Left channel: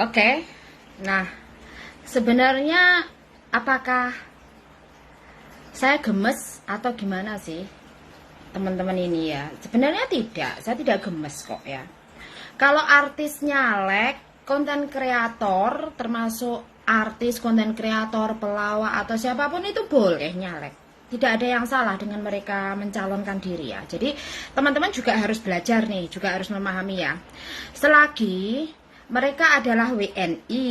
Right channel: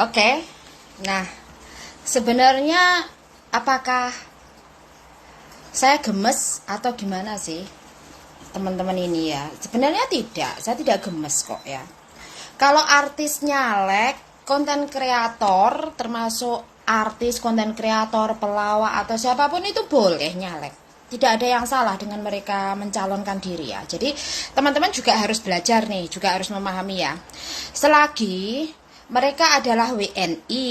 Oke. Nah, sebenarnya apakah saya gemes atau gimana sih teman-teman ini ya? Sebenarnya tidak, saya tidak gemes kok ya. Kalau artis nyalek, konten kreator termasuk artis, konten kreator, pelawak atau siapapun itu boleh nyalek. Tidak ada yang salah dengan mereka mencalonkan diri ya. Jadi teman-teman juga harus belajar nih, juga harus memahami ya. Selagi mereka adalah WNI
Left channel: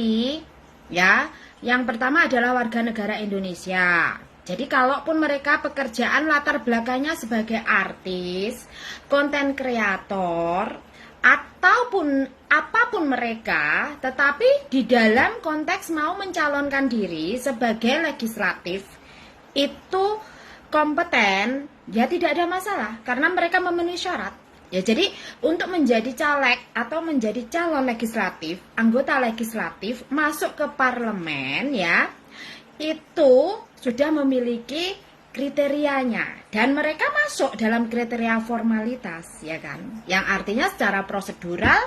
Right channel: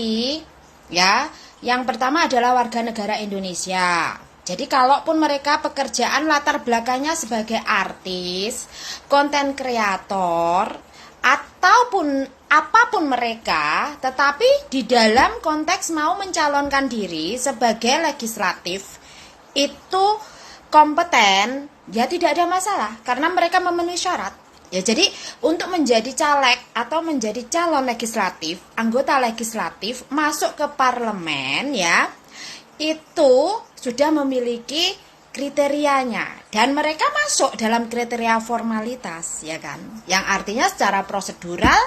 ya, yang pertama adalah warga negara Indonesia. Jadi kalaupun mereka pekerjaan latar belakangnya sebagai artis, konten kreator, ataupun apapun mereka, tetapi di dalam konteks mau mencalonkan diri sebagai legislatif, itu kompeten, ya tidak ada masalah karena mereka memenuhi syarat. Ya, jadi untuk menjadi caleg atau menjadi calon legislatif, anggota legislatif masuk ke parlemen ya, itu sudah memiliki kriterianya dan mereka masuk dalam kriteria formalitas ya kan. Yang artinya secara prosedural,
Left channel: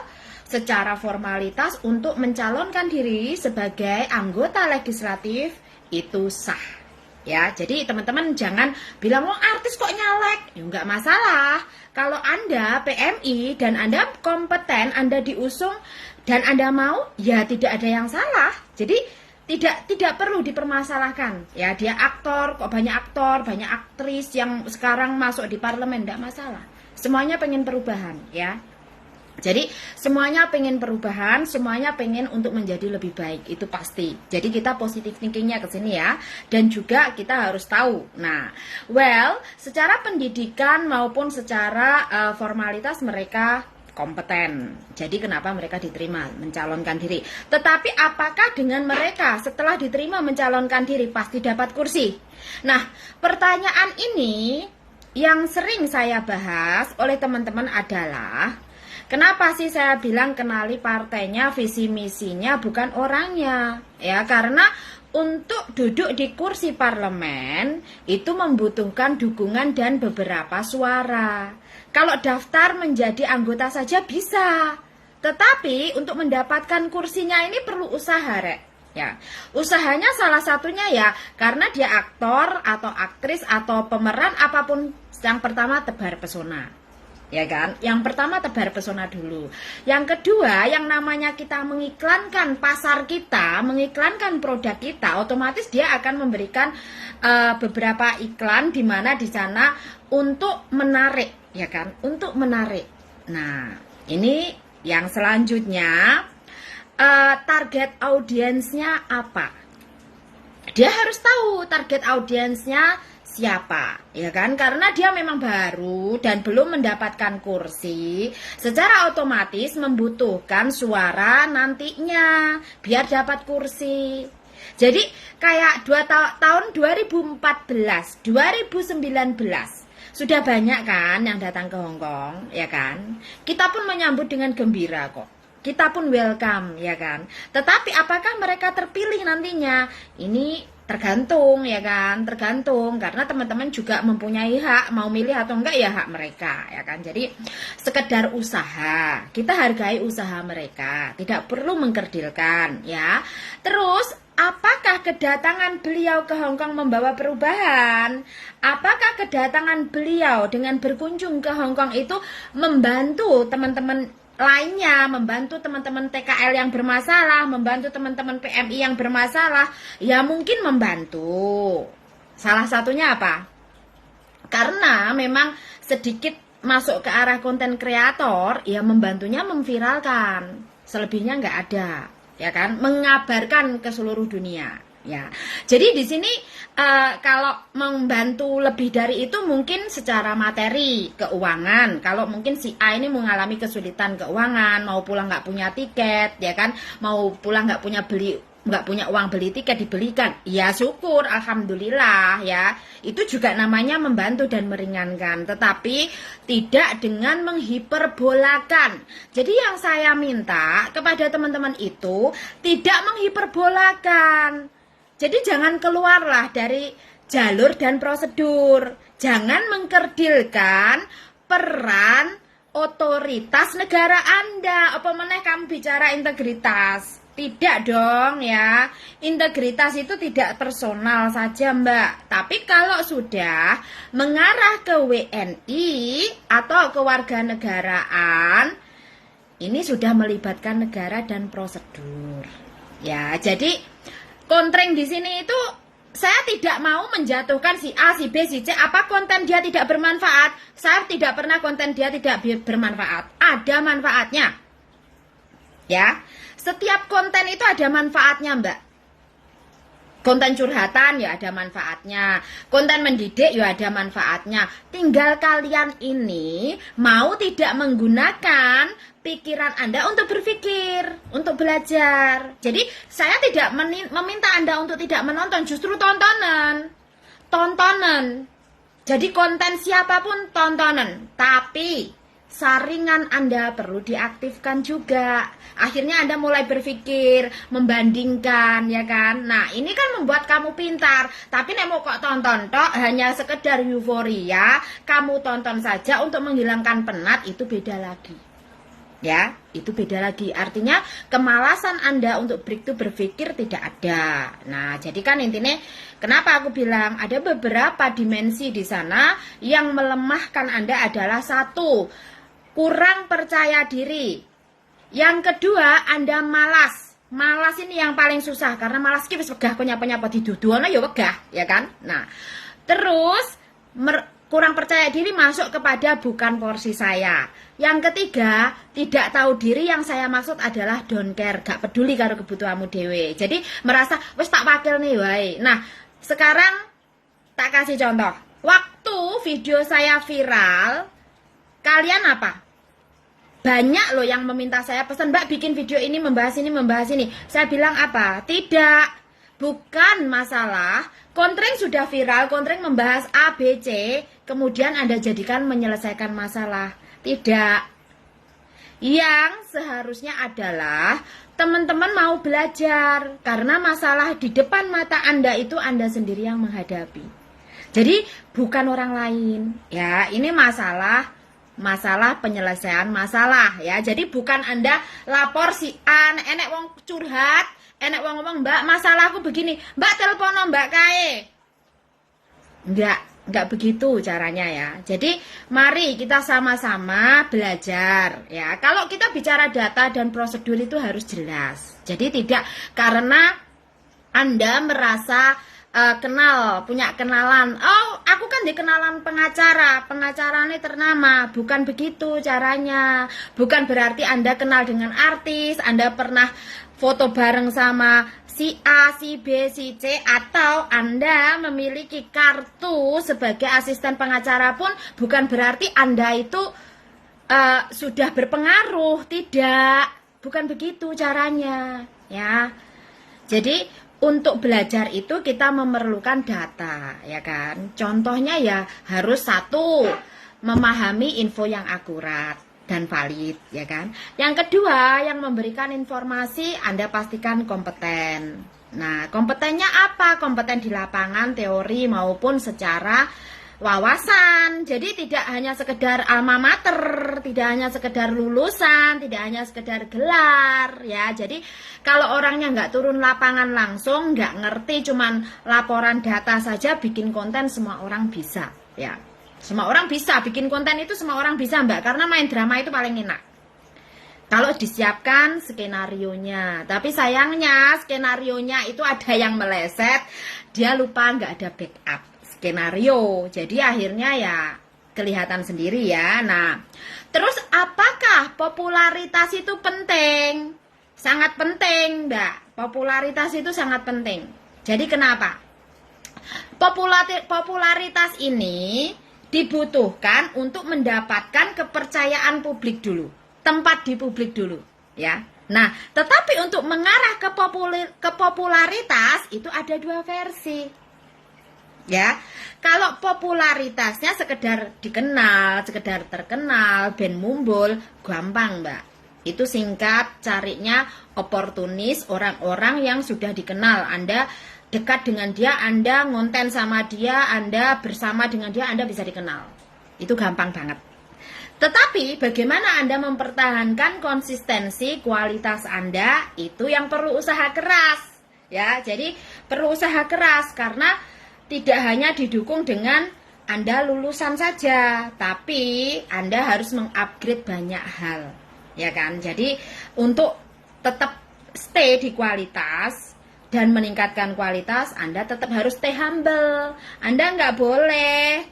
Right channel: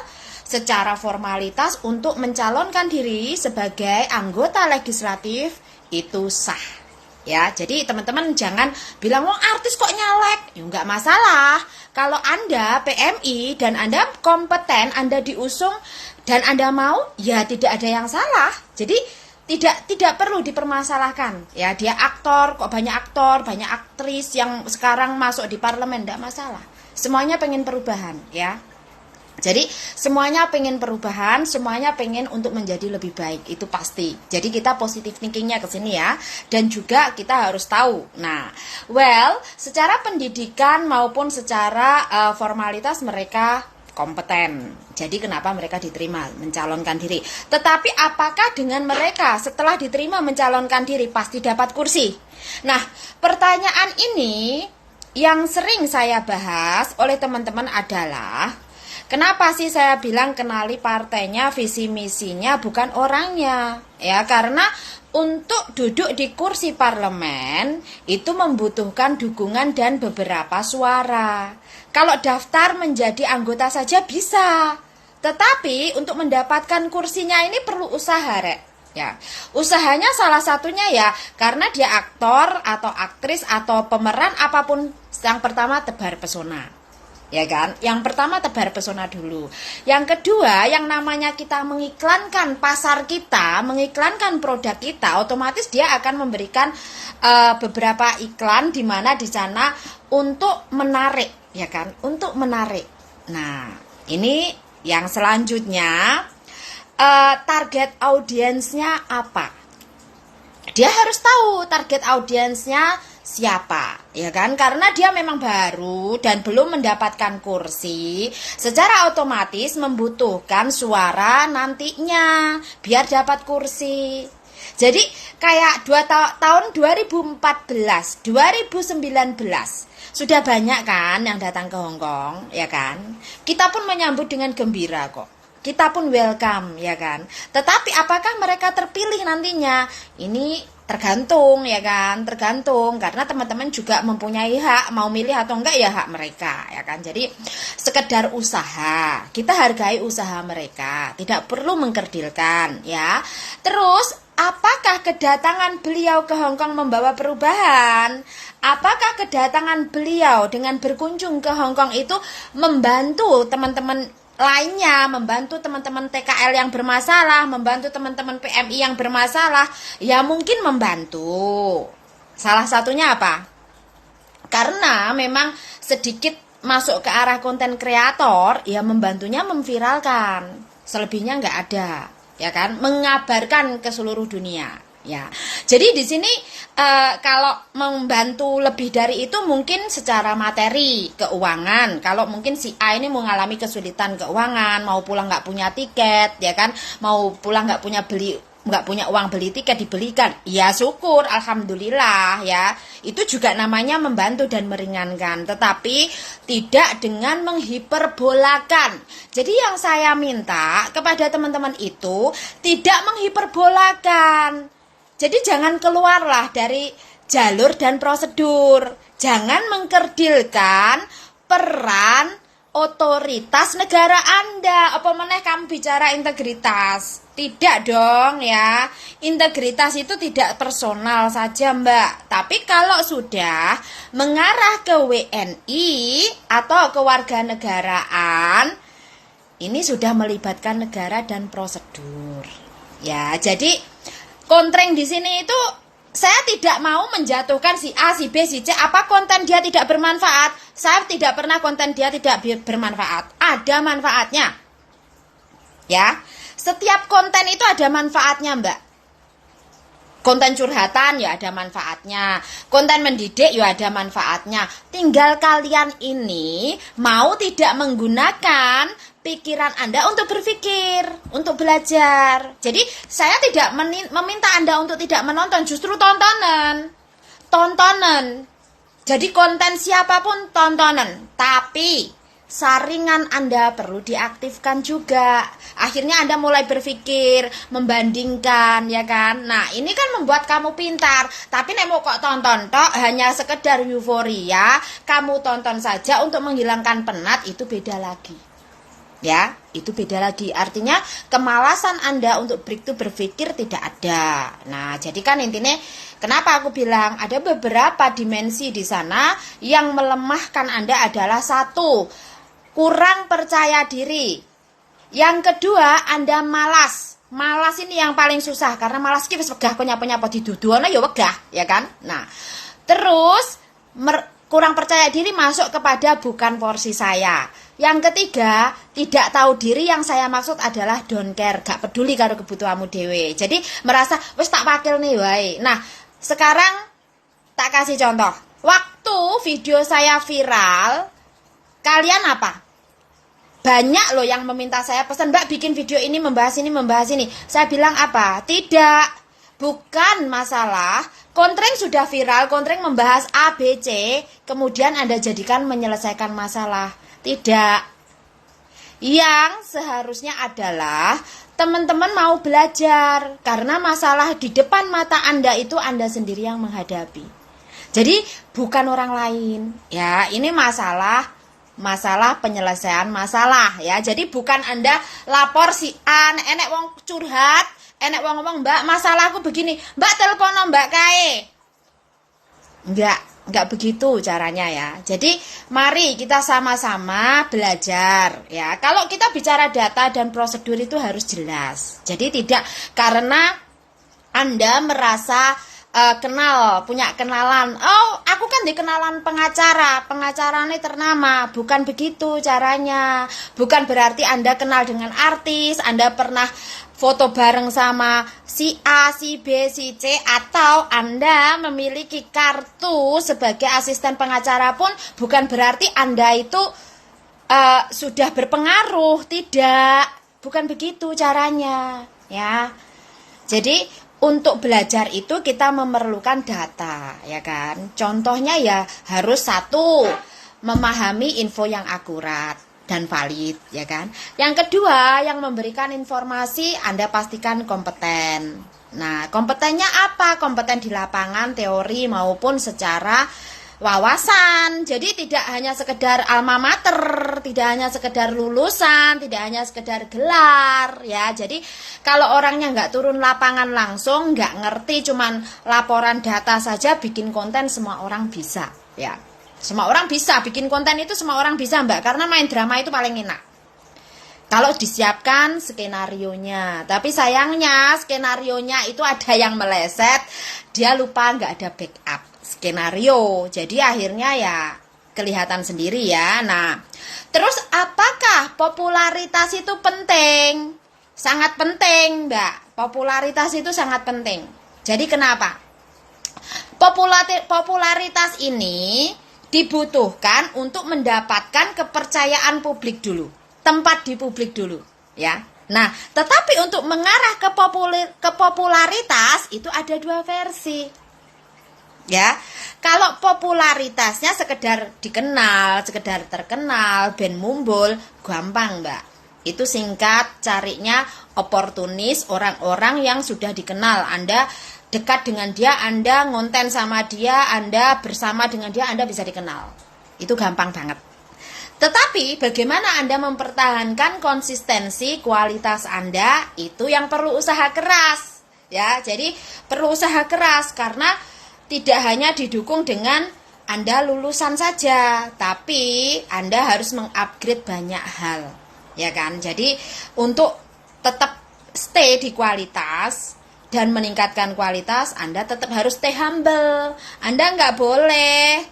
secara formalitas untuk mencalonkan diri sebagai anggota legislatif itu sah. Ya, jadi teman-teman jangan bilang, "Oh, artis kok nyalek?" Ya enggak masalah. Kalau Anda PMI dan Anda kompeten, Anda diusung dan Anda mau, ya tidak ada yang salah. Jadi tidak perlu dipermasalahkan. Ya, dia aktor, kok banyak aktor, banyak aktris yang sekarang masuk di parlemen, enggak masalah. Semuanya pengen perubahan, ya. Jadi semuanya pengen perubahan, semuanya pengen untuk menjadi lebih baik, itu pasti. Jadi kita positif thinkingnya ke sini ya. Dan juga kita harus tahu. Nah, secara pendidikan maupun secara formalitas mereka kompeten. Jadi kenapa mereka diterima mencalonkan diri. Tetapi apakah dengan mereka setelah diterima mencalonkan diri pasti dapat kursi? Nah, pertanyaan ini yang sering saya bahas oleh teman-teman adalah, kenapa sih saya bilang kenali partainya, visi misinya, bukan orangnya? Ya, karena untuk duduk di kursi parlemen itu membutuhkan dukungan dan beberapa suara. Kalau daftar menjadi anggota saja bisa, tetapi untuk mendapatkan kursinya ini perlu usaha, Rek. Ya, usahanya salah satunya ya karena dia aktor atau aktris atau pemeran apapun, yang pertama tebar pesona. Ya kan? Yang pertama tebar pesona dulu. Yang kedua, yang namanya kita mengiklankan pasar kita, mengiklankan produk kita, otomatis dia akan memberikan beberapa iklan di mana di sana untuk menarik, ya kan? Untuk menarik. Nah, ini yang selanjutnya, target audiensnya apa? Dia harus tahu target audiensnya siapa, ya kan? Karena dia memang baru dan belum mendapatkan kursi, secara otomatis membutuhkan suara nantinya biar dapat kursi. Jadi kayak tahun 2014, 2019 sudah banyak kan yang datang ke Hong Kong, ya kan? Kita pun menyambut dengan gembira kok. Kita pun welcome, ya kan? Tetapi apakah mereka terpilih nantinya? Ini tergantung, ya kan? Tergantung, karena teman-teman juga mempunyai hak, mau milih atau enggak ya hak mereka, ya kan? Jadi sekedar usaha, kita hargai usaha mereka, tidak perlu mengkerdilkan, ya. Terus apakah kedatangan beliau ke Hong Kong membawa perubahan? Apakah kedatangan beliau dengan berkunjung ke Hong Kong itu membantu teman-teman lainnya, membantu teman-teman TKL yang bermasalah, membantu teman-teman PMI yang bermasalah? Ya mungkin membantu. Salah satunya apa? Karena memang sedikit masuk ke arah konten kreator, ya membantunya memviralkan. Selebihnya nggak ada, ya kan? Mengabarkan ke seluruh dunia. Ya, jadi di sini kalau membantu lebih dari itu mungkin secara materi, keuangan. Kalau mungkin si A ini mengalami kesulitan keuangan, mau pulang nggak punya tiket, ya kan? Mau pulang nggak punya uang beli tiket, dibelikan. Ya syukur, alhamdulillah ya. Itu juga namanya membantu dan meringankan, tetapi tidak dengan menghiperbolakan. Jadi yang saya minta kepada teman-teman itu tidak menghiperbolakan. Jadi jangan keluarlah dari jalur dan prosedur. Jangan mengkerdilkan peran otoritas negara Anda. Apa meneh kamu bicara integritas? Tidak dong ya. Integritas itu tidak personal saja, Mbak. Tapi kalau sudah mengarah ke WNI atau kewarganegaraan, ini sudah melibatkan negara dan prosedur. Ya, jadi kontreng di sini itu saya tidak mau menjatuhkan si A, si B, si C. Apa konten dia tidak bermanfaat? Saya tidak pernah konten dia tidak bermanfaat. Ada manfaatnya. Ya, setiap konten itu ada manfaatnya, Mbak. Konten curhatan ya ada manfaatnya. Konten mendidik ya ada manfaatnya. Tinggal kalian ini mau tidak menggunakan pikiran Anda untuk berpikir, untuk belajar. Jadi saya tidak meminta Anda untuk tidak menonton, justru tontonan. Tontonan. Jadi konten siapapun tontonan. Tapi saringan Anda perlu diaktifkan juga. Akhirnya Anda mulai berpikir, membandingkan, ya kan? Nah, ini kan membuat kamu pintar. Tapi nek mau kok tonton tok hanya sekedar euforia, kamu tonton saja untuk menghilangkan penat, itu beda lagi. Ya, itu beda lagi. Artinya kemalasan Anda untuk berpikir tidak ada. Nah, jadi kan intinya kenapa aku bilang ada beberapa dimensi di sana yang melemahkan Anda adalah satu, kurang percaya diri. Yang kedua, Anda malas. Malas ini yang paling susah karena malas ki wis wegah nyapa-nyapa diduduhana ya wegah, ya kan? Nah, terus kurang percaya diri masuk kepada bukan porsi saya. Yang ketiga, tidak tahu diri, yang saya maksud adalah don't care, gak peduli karo kebutuhanmu dewe. Jadi merasa wis tak pakil nih wae. Nah, sekarang tak kasih contoh. Waktu video saya viral, kalian apa? Banyak loh yang meminta saya pesan, Mbak bikin video ini membahas ini, membahas ini. Saya bilang apa? Tidak, bukan masalah. Kontreng sudah viral, kontreng membahas A, B, C, kemudian Anda jadikan menyelesaikan masalah. Tidak. Yang seharusnya adalah teman-teman mau belajar, karena masalah di depan mata Anda itu Anda sendiri yang menghadapi. Jadi bukan orang lain. Ya, ini masalah penyelesaian masalah ya. Jadi bukan Anda lapor si A, enek wong curhat, enek wong ngomong, Mbak masalahku begini, Mbak telepon Mbak kae. Enggak begitu caranya ya. Jadi mari kita sama-sama belajar ya. Kalau kita bicara data dan prosedur itu harus jelas. Jadi tidak karena Anda merasa punya kenalan, oh aku kan dikenalan pengacara ini ternama. Bukan begitu caranya. Bukan berarti Anda kenal dengan artis, Anda pernah foto bareng sama si A, si B, si C, atau Anda memiliki kartu sebagai asisten pengacara pun bukan berarti Anda itu sudah berpengaruh. Tidak, bukan begitu caranya ya. Jadi untuk belajar itu kita memerlukan data, ya kan? Contohnya ya harus satu, memahami info yang akurat dan valid, ya kan? Yang kedua, yang memberikan informasi Anda pastikan kompeten. Nah, kompetennya apa? Kompeten di lapangan, teori maupun secara wawasan. Jadi tidak hanya sekedar alma mater, tidak hanya sekedar lulusan, tidak hanya sekedar gelar ya. Jadi kalau orangnya nggak turun lapangan langsung, nggak ngerti, cuman laporan data saja, bikin konten semua orang bisa ya. Semua orang bisa bikin konten itu, semua orang bisa Mbak, karena main drama itu paling enak kalau disiapkan skenarionya. Tapi sayangnya skenarionya itu ada yang meleset, dia lupa nggak ada backup skenario, jadi akhirnya ya kelihatan sendiri ya. Nah, terus apakah popularitas itu penting? Sangat penting, Mbak. Popularitas itu sangat penting. Jadi kenapa? Popularitas ini dibutuhkan untuk mendapatkan kepercayaan publik dulu, tempat di publik dulu ya. Nah, tetapi untuk mengarah ke popularitas itu ada dua versi. Ya, kalau popularitasnya sekedar dikenal, sekedar terkenal, ben mumbul, gampang Mbak. Itu singkat, carinya oportunis, orang-orang yang sudah dikenal. Anda dekat dengan dia, Anda ngonten sama dia, Anda bersama dengan dia, Anda bisa dikenal. Itu gampang banget. Tetapi bagaimana Anda mempertahankan konsistensi kualitas Anda, itu yang perlu usaha keras. Ya, jadi perlu usaha keras karena tidak hanya didukung dengan Anda lulusan saja, tapi Anda harus mengupgrade banyak hal. Ya kan? Jadi untuk tetap stay di kualitas dan meningkatkan kualitas, Anda tetap harus stay humble. Anda nggak boleh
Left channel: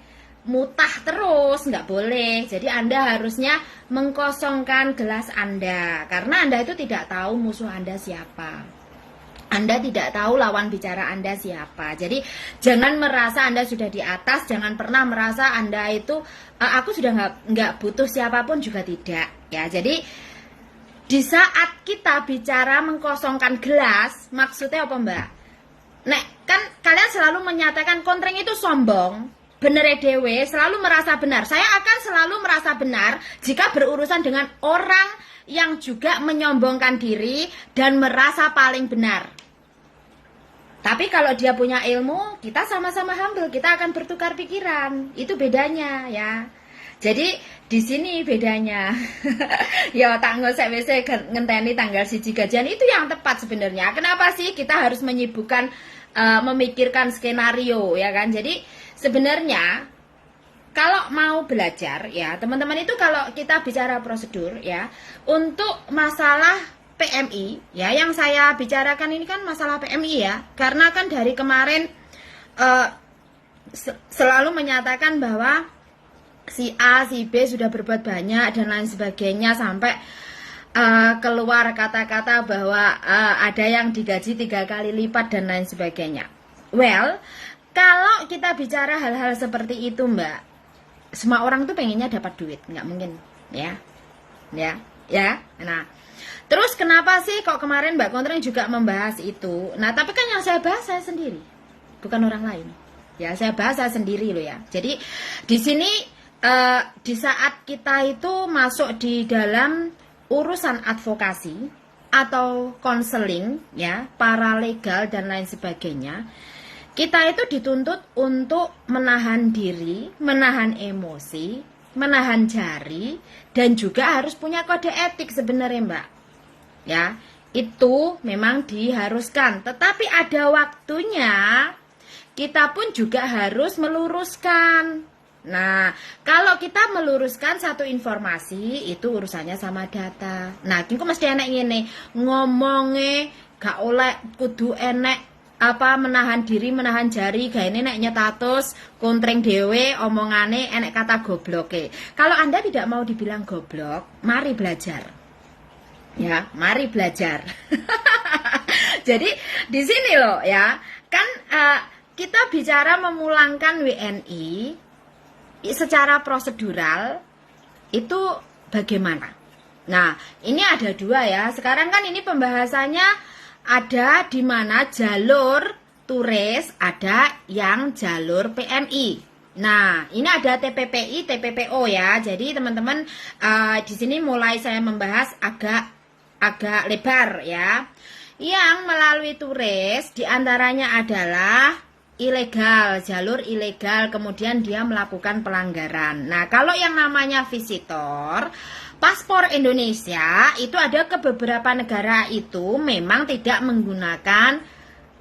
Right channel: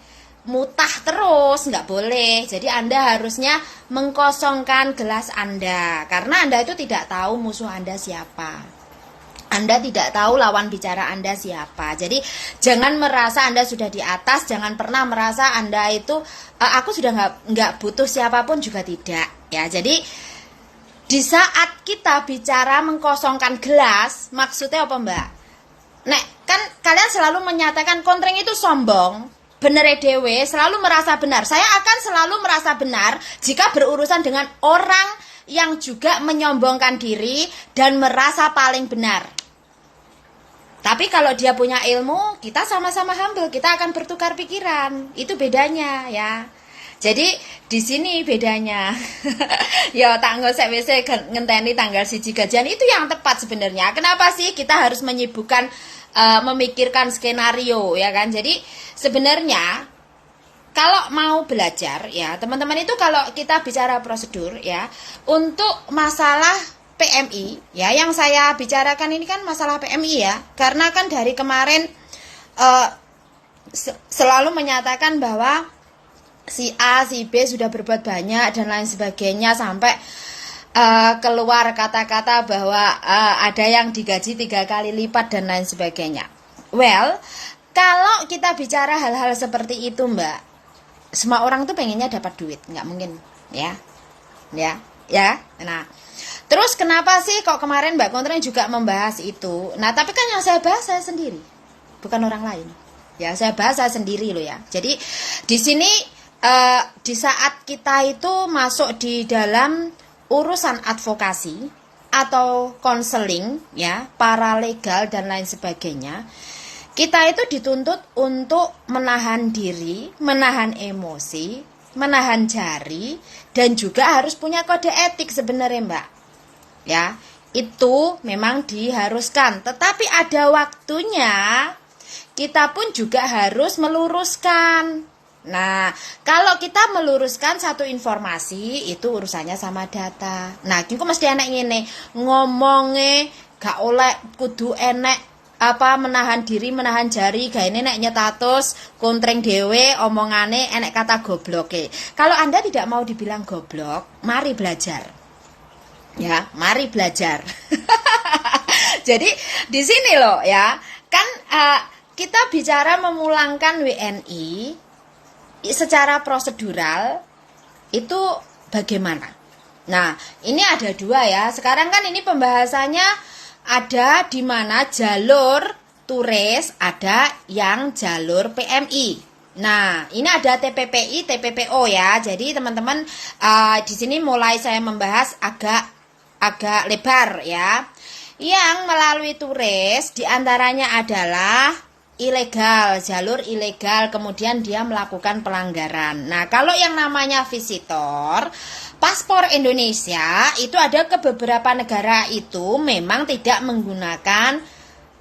mutah terus, nggak boleh. Jadi Anda harusnya mengkosongkan gelas Anda, karena Anda itu tidak tahu musuh Anda siapa. Anda tidak tahu lawan bicara Anda siapa. Jadi jangan merasa Anda sudah di atas, jangan pernah merasa Anda itu aku sudah nggak butuh siapapun, juga tidak. Ya, jadi di saat kita bicara mengkosongkan gelas, maksudnya apa Mbak? Nek kan kalian selalu menyatakan kontreng itu sombong. Bener dewe, selalu merasa benar. Saya akan selalu merasa benar jika berurusan dengan orang yang juga menyombongkan diri dan merasa paling benar. Tapi kalau dia punya ilmu, kita sama-sama humble, kita akan bertukar pikiran. Itu bedanya ya. Jadi di sini bedanya. Ya tanggal saya ngenteni tanggal 1 gajian itu yang tepat sebenarnya. Kenapa sih kita harus menyibukkan memikirkan skenario ya kan? Jadi sebenarnya kalau mau belajar ya teman-teman itu, kalau kita bicara prosedur ya untuk masalah PMI ya, yang saya bicarakan ini kan masalah PMI ya, karena kan dari kemarin selalu menyatakan bahwa si A, si B sudah berbuat banyak dan lain sebagainya, sampai keluar kata-kata bahwa ada yang digaji 3 kali lipat dan lain sebagainya. Well, kalau kita bicara hal-hal seperti itu Mbak, semua orang tuh pengennya dapat duit, nggak mungkin ya. Nah, terus kenapa sih kok kemarin Mbak Kontreng juga membahas itu? Nah, tapi kan yang saya bahas saya sendiri, bukan orang lain. Ya, saya bahas saya sendiri loh ya. Jadi di sini di saat kita itu masuk di dalam urusan advokasi atau konseling ya, paralegal dan lain sebagainya, kita itu dituntut untuk menahan diri, menahan emosi, menahan jari, dan juga harus punya kode etik sebenarnya Mbak. Ya, itu memang diharuskan, tetapi ada waktunya kita pun juga harus meluruskan. Nah, kalau kita meluruskan satu informasi, itu urusannya sama data. Nah, itu mesti enak ini ngomongnya gak oleh kudu enek apa menahan diri, menahan jari, gak ini nek nyetatus kontreng dewe omongane enek kata gobloke. Kalau Anda tidak mau dibilang goblok, mari belajar. Ya, mari belajar. Jadi di sini loh ya, kan kita bicara memulangkan WNI secara prosedural itu bagaimana? Nah, ini ada 2 ya. Sekarang kan ini pembahasannya ada di mana jalur turis, ada yang jalur PMI. Nah, ini ada TPPI, TPPO ya. Jadi teman-teman di sini mulai saya membahas agak lebar ya. Yang melalui turis diantaranya adalah ilegal, jalur ilegal, kemudian dia melakukan pelanggaran. Nah, kalau yang namanya visitor, paspor Indonesia itu ada ke beberapa negara itu memang tidak menggunakan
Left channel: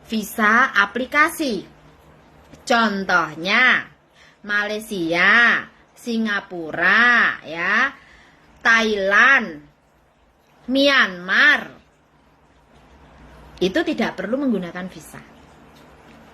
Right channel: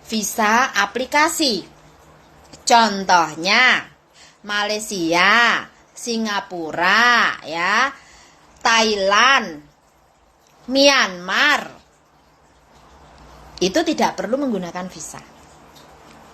visa aplikasi. Contohnya Malaysia, Singapura, ya, Thailand, Myanmar. Itu tidak perlu menggunakan visa.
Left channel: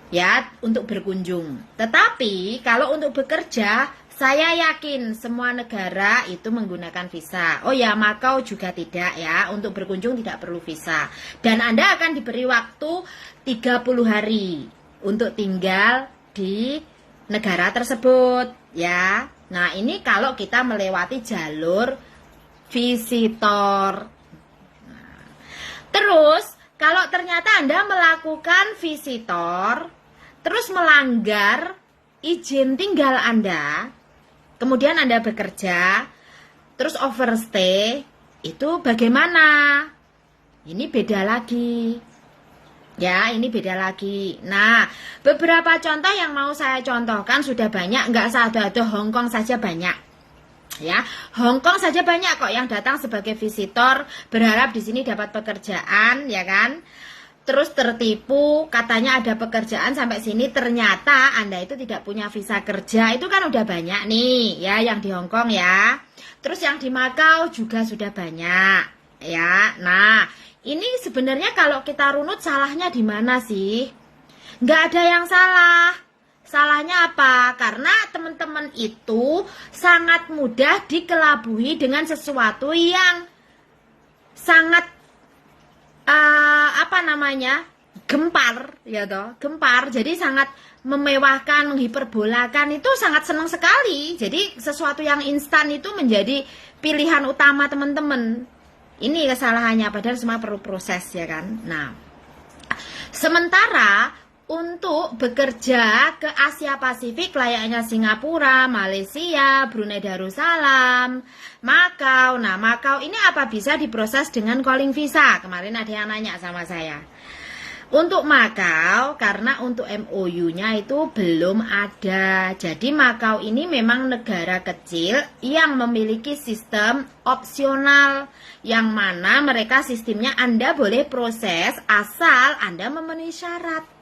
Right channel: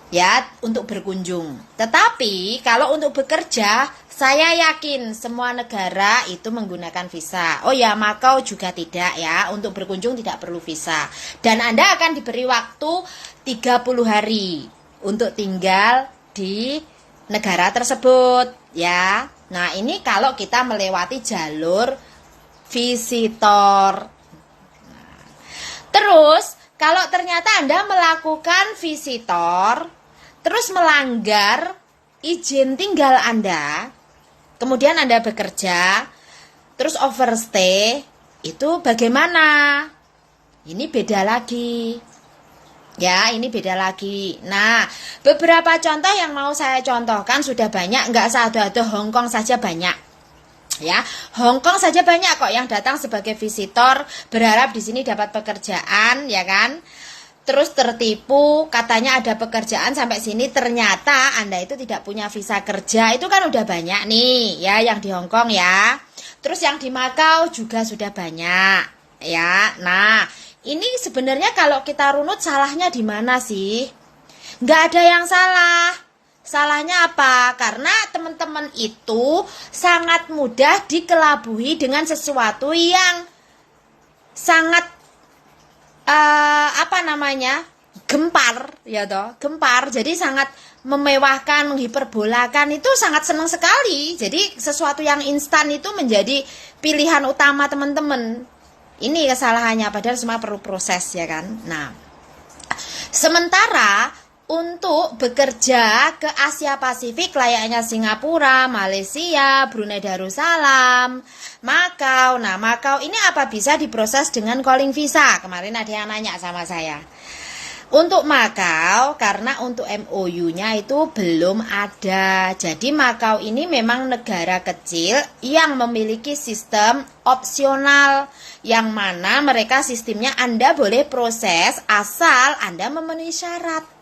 Ya, untuk berkunjung. Tetapi kalau untuk bekerja, saya yakin semua negara itu menggunakan visa. Oh ya, Makau juga tidak ya, untuk berkunjung tidak perlu visa. Dan Anda akan diberi waktu 30 hari untuk tinggal di negara tersebut ya. Nah, ini kalau kita melewati jalur visitor. Nah, terus kalau ternyata Anda melakukan visitor terus melanggar izin tinggal Anda, kemudian Anda bekerja, terus overstay, itu bagaimana? Ini beda lagi. Ya, ini beda lagi. Nah, beberapa contoh yang mau saya contohkan sudah banyak, nggak ada Hongkong saja banyak. Ya, Hong Kong saja banyak kok yang datang sebagai visitor berharap di sini dapat pekerjaan, ya kan? Terus tertipu, katanya ada pekerjaan sampai sini, ternyata Anda itu tidak punya visa kerja. Itu kan udah banyak nih, ya, yang di Hong Kong ya. Terus yang di Macau juga sudah banyak, ya. Nah, ini sebenarnya kalau kita runut salahnya di mana sih? Nggak ada yang salah. Salahnya apa? Karena teman-teman itu sangat mudah dikelabui dengan sesuatu yang sangat gempar, ya toh, gempar. Jadi sangat memewahkan, menghiperbolakan, itu sangat senang sekali. Jadi sesuatu yang instan itu menjadi pilihan utama teman-teman. Ini kesalahannya, padahal semua perlu proses, ya kan. Nah, sementara untuk bekerja ke Asia Pasifik layaknya Singapura, Malaysia, Brunei Darussalam, Macau. Nah, Macau ini apa bisa diproses dengan calling visa? Kemarin ada yang nanya sama saya. Untuk Macau, karena untuk MOU-nya itu belum ada. Jadi Macau ini memang negara kecil yang memiliki sistem opsional, yang mana mereka sistemnya Anda boleh proses asal Anda memenuhi syarat.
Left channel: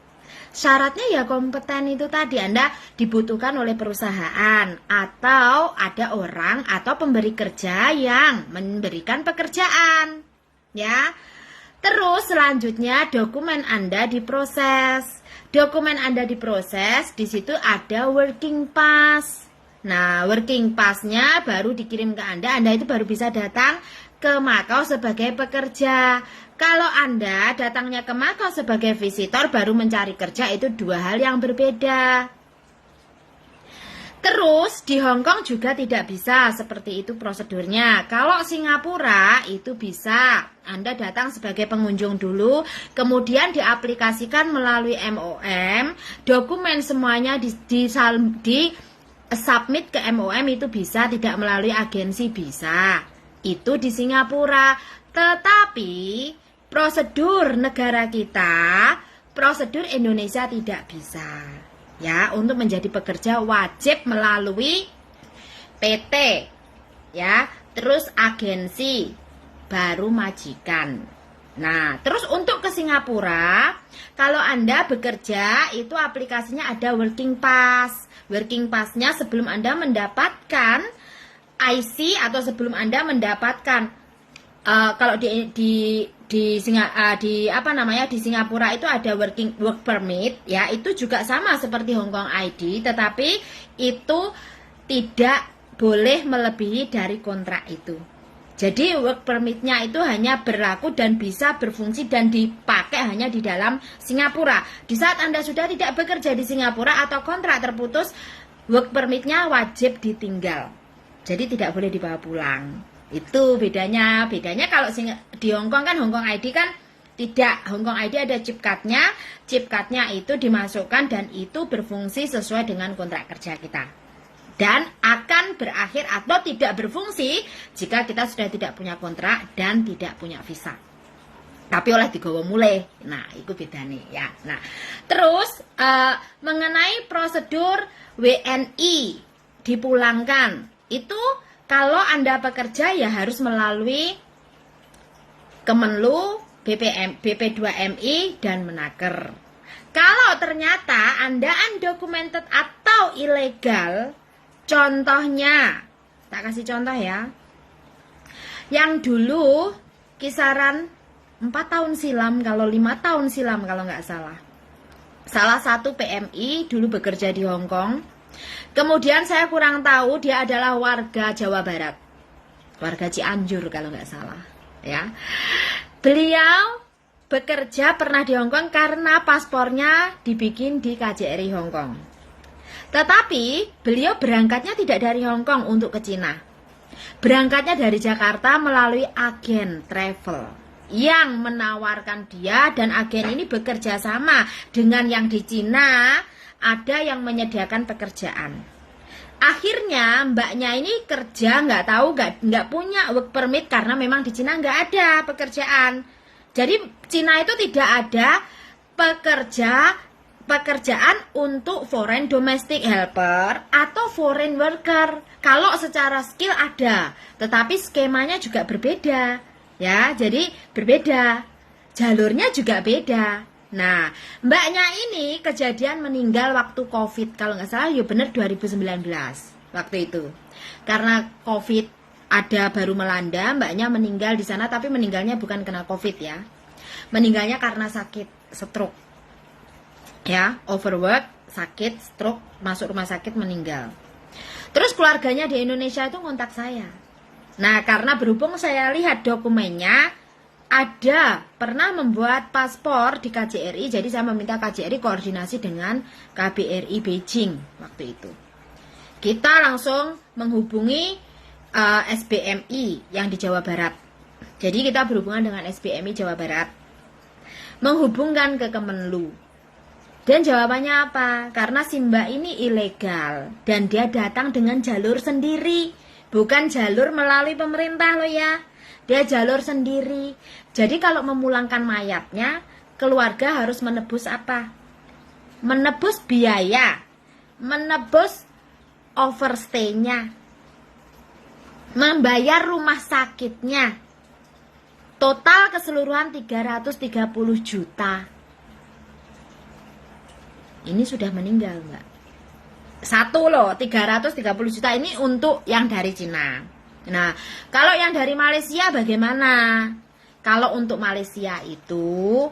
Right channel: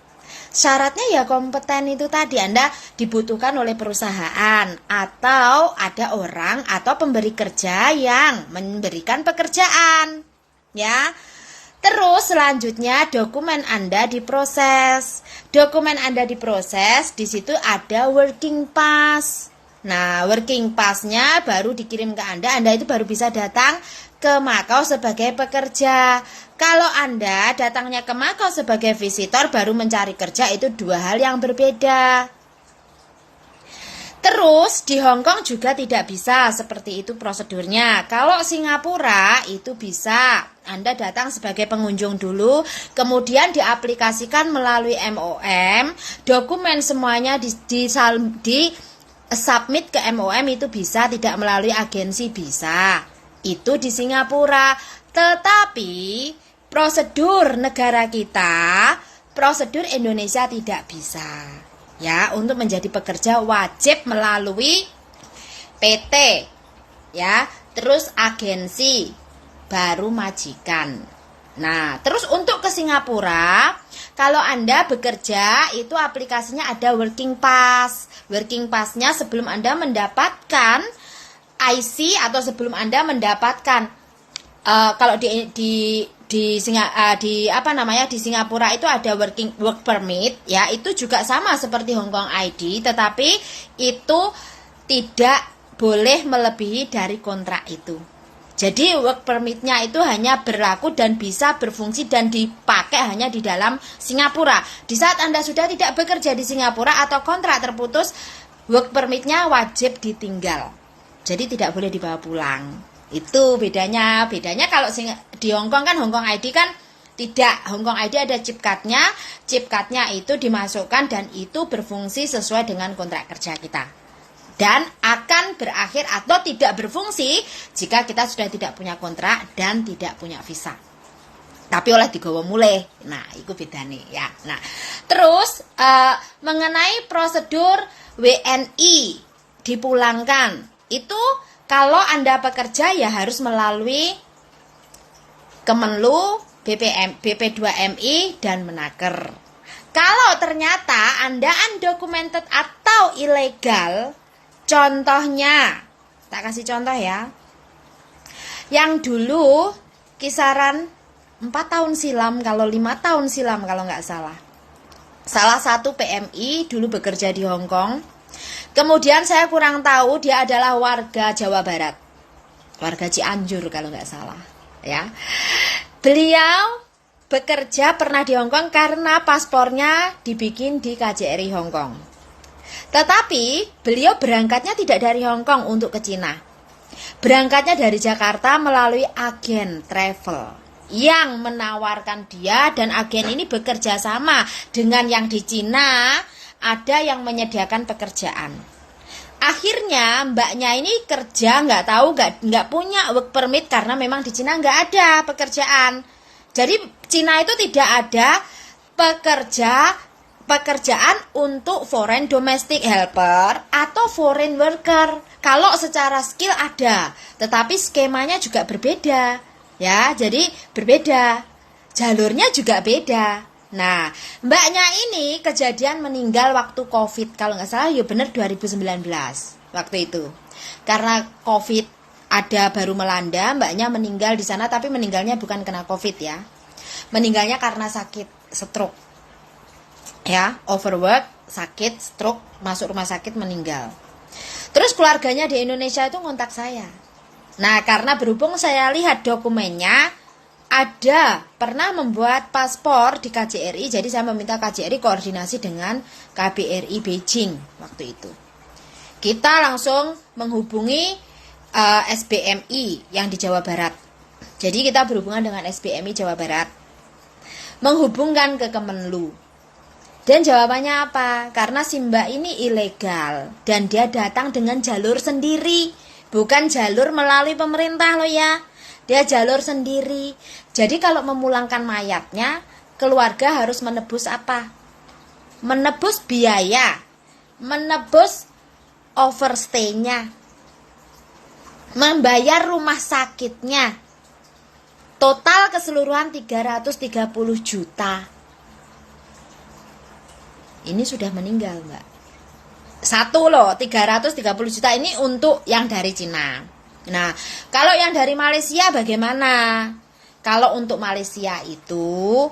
Syaratnya ya kompeten itu tadi, Anda dibutuhkan oleh perusahaan atau ada orang atau pemberi kerja yang memberikan pekerjaan, ya. Terus selanjutnya dokumen Anda diproses. Dokumen Anda diproses, di situ ada working pass. Nah, working pass-nya baru dikirim ke Anda itu baru bisa datang ke Macau sebagai pekerja. Kalau Anda datangnya ke Macau sebagai visitor baru mencari kerja, itu dua hal yang berbeda. Terus di Hong Kong juga tidak bisa seperti itu prosedurnya. Kalau Singapura itu bisa, Anda datang sebagai pengunjung dulu, kemudian diaplikasikan melalui MOM, dokumen semuanya di submit ke MOM itu bisa, tidak melalui agensi bisa. Itu di Singapura. Tetapi prosedur negara kita, prosedur Indonesia tidak bisa. Ya, untuk menjadi pekerja wajib melalui PT, ya, terus agensi, baru majikan. Nah, terus untuk ke Singapura, kalau Anda bekerja itu aplikasinya ada working pass. Working pass-nya sebelum Anda mendapatkan IC atau sebelum Anda mendapatkan kalau di Singapura itu ada work permit, ya, itu juga sama seperti Hong Kong ID, tetapi itu tidak boleh melebihi dari kontrak itu. Jadi work permitnya itu hanya berlaku dan bisa berfungsi dan dipakai hanya di dalam Singapura. Di saat Anda sudah tidak bekerja di Singapura atau kontrak terputus, work permitnya wajib ditinggal. Jadi tidak boleh dibawa pulang. Itu bedanya. Bedanya kalau di Hong Kong kan, Hong Kong ID kan tidak. Hong Kong ID ada chip card-nya. Chip card-nya itu dimasukkan dan itu berfungsi sesuai dengan kontrak kerja kita. Dan akan berakhir atau tidak berfungsi jika kita sudah tidak punya kontrak dan tidak punya visa. Tapi oleh digawa mulai. Nah, itu bedanya ya. Nah, terus mengenai prosedur WNI dipulangkan. Itu kalau Anda bekerja ya harus melalui Kemenlu, BP2MI, dan Menaker. Kalau ternyata Anda undocumented atau ilegal, contohnya, tak kasih contoh ya, yang dulu kisaran 4 tahun silam, kalau 5 tahun silam kalau nggak salah. Salah satu PMI dulu bekerja di Hong Kong. Kemudian saya kurang tahu, dia adalah warga Jawa Barat, warga Cianjur kalau nggak salah, ya. Beliau bekerja pernah di Hong Kong karena paspornya dibikin di KJRI Hong Kong. Tetapi beliau berangkatnya tidak dari Hong Kong untuk ke Cina. Berangkatnya dari Jakarta melalui agen travel yang menawarkan dia, dan agen ini bekerja sama dengan yang di Cina. Ada yang menyediakan pekerjaan. Akhirnya mbaknya ini kerja nggak punya work permit karena memang di Cina nggak ada pekerjaan. Jadi Cina itu tidak ada pekerjaan untuk foreign domestic helper atau foreign worker. Kalau secara skill ada, tetapi skemanya juga berbeda. Ya, jadi berbeda. Jalurnya juga beda. Nah, mbaknya ini kejadian meninggal waktu COVID. Kalau nggak salah ya benar 2019 waktu itu. Karena COVID ada baru melanda, mbaknya meninggal di sana, tapi meninggalnya bukan kena COVID ya. Meninggalnya karena sakit stroke. Ya, overwork, sakit, stroke, masuk rumah sakit, meninggal. Terus keluarganya di Indonesia itu ngontak saya. Nah, karena berhubung saya lihat dokumennya, ada pernah membuat paspor di KJRI, jadi saya meminta KJRI koordinasi dengan KBRI Beijing waktu itu. Kita langsung menghubungi SBMI yang di Jawa Barat. Jadi kita berhubungan dengan SBMI Jawa Barat, menghubungkan ke Kemenlu. Dan jawabannya apa? Karena si mbak ini ilegal dan dia datang dengan jalur sendiri, bukan jalur melalui pemerintah loh ya. Dia jalur sendiri. Jadi kalau memulangkan mayatnya, keluarga harus menebus apa? Menebus biaya, menebus overstay-nya, membayar rumah sakitnya. Total keseluruhan 330 juta. Ini sudah meninggal, Mbak. Satu loh, 330 juta ini untuk yang dari Cina. Nah, kalau yang dari Malaysia bagaimana? Kalau untuk Malaysia itu,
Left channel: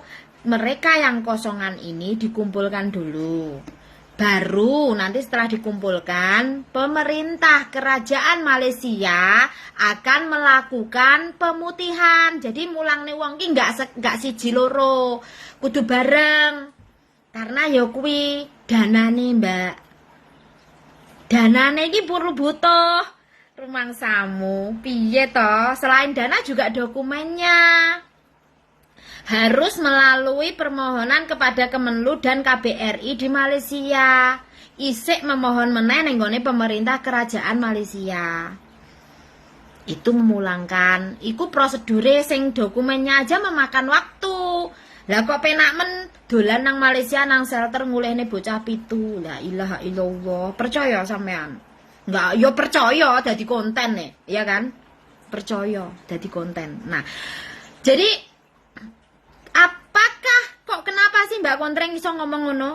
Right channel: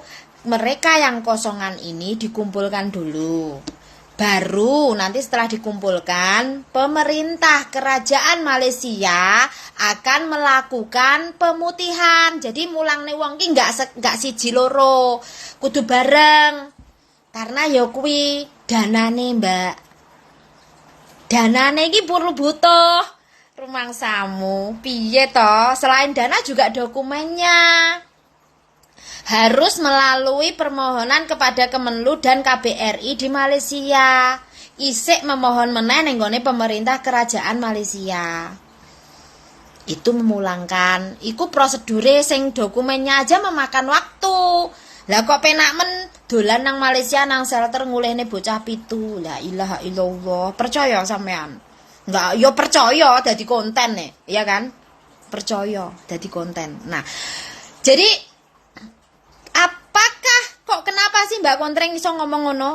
mereka yang kosongan ini dikumpulkan dulu. Baru nanti setelah dikumpulkan, pemerintah kerajaan Malaysia akan melakukan pemutihan. Jadi mulang nih wong ki nggak siji loro, kudu bareng. Karena ya kuwi danane, Mbak. Danane iki perlu butuh rumangsamu. Piye toh? Selain dana juga dokumennya. Harus melalui permohonan kepada Kemenlu dan KBRI di Malaysia. Isik memohon meneh ning gone pemerintah kerajaan Malaysia. Itu memulangkan. Iku prosedure sing dokumennya aja memakan waktu. Lah kok penak men dolan nang Malaysia nang shelter ngulehne bocah pitu. La ilaha illallah. Percaya sampean? Enggak, yo percaya dadi konten nih, iya kan? Percaya dadi konten. Nah, jadi apakah kok kenapa sih Mbak Kontreng iso ngomong ngono?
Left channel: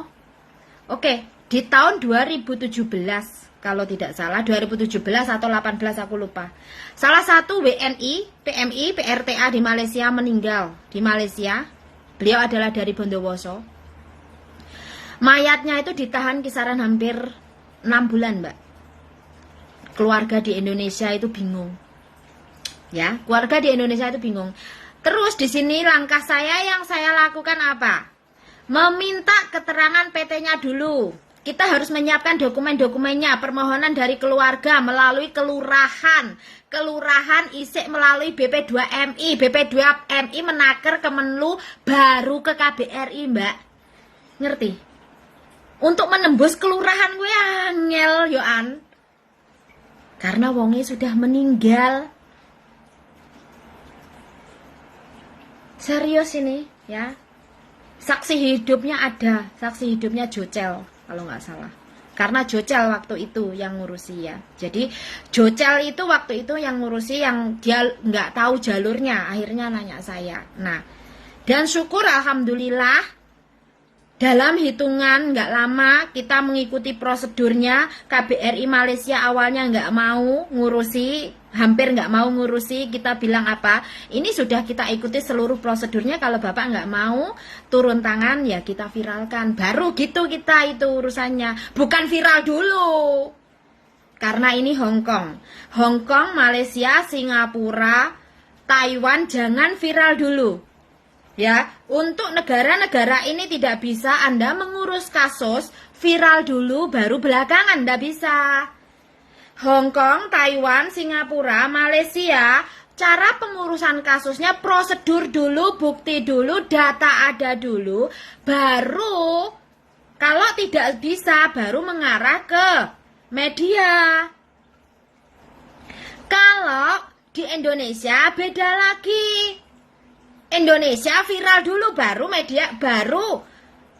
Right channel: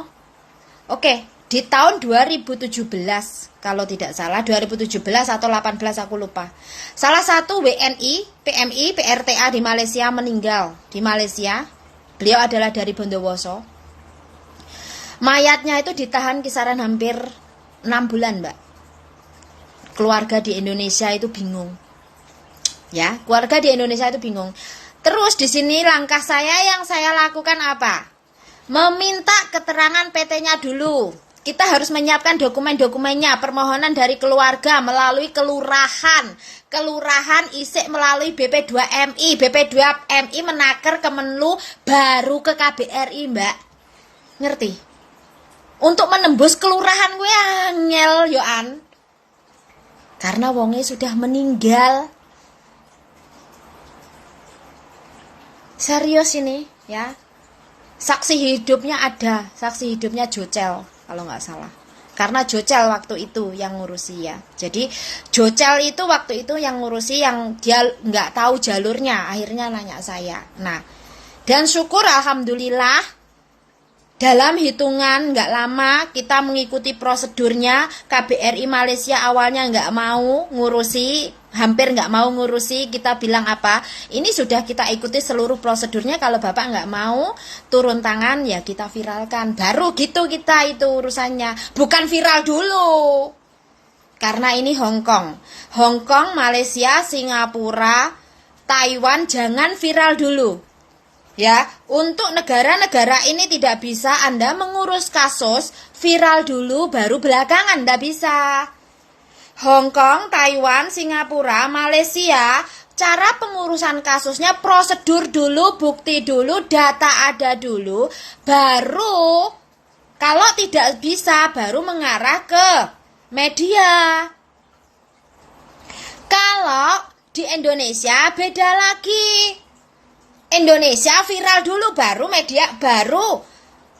Oke, di tahun 2017 kalau tidak salah 2017 atau 18 aku lupa. Salah satu WNI, PMI, PRTA di Malaysia meninggal di Malaysia. Beliau adalah dari Bondowoso. Mayatnya itu ditahan kisaran hampir 6 bulan, Mbak. Keluarga di Indonesia itu bingung. Ya, keluarga di Indonesia itu bingung. Terus di sini langkah saya yang saya lakukan apa? Meminta keterangan PT-nya dulu. Kita harus menyiapkan dokumen-dokumennya, permohonan dari keluarga melalui kelurahan. Kelurahan isik melalui BP2MI. BP2MI menaker Kemenlu baru ke KBRI, Mbak. Ngerti? Untuk menembus kelurahan gue angel yoan. Karena wongnya sudah meninggal. Serius ini, ya. Saksi hidupnya ada, saksi hidupnya Jocel kalau nggak salah. Karena Jocel waktu itu yang ngurusi ya. Jadi Jocel itu waktu itu yang ngurusi, yang dia nggak tahu jalurnya, akhirnya nanya saya. Nah, dan syukur alhamdulillah dalam hitungan nggak lama kita mengikuti prosedurnya. KBRI Malaysia awalnya nggak mau ngurusi, hampir nggak mau ngurusi. Kita bilang apa? Ini sudah kita ikuti seluruh prosedurnya. Kalau Bapak nggak mau turun tangan ya kita viralkan. Baru gitu kita itu urusannya. Bukan viral dulu. Karena ini Hongkong, Malaysia, Singapura, Taiwan jangan viral dulu. Ya, untuk negara-negara ini tidak bisa Anda mengurus kasus viral dulu baru belakangan, tidak bisa. Hongkong, Taiwan, Singapura, Malaysia, cara pengurusan kasusnya prosedur dulu, bukti dulu, data ada dulu, baru kalau tidak bisa baru mengarah ke media. Kalau di Indonesia beda lagi. Indonesia viral dulu baru media, baru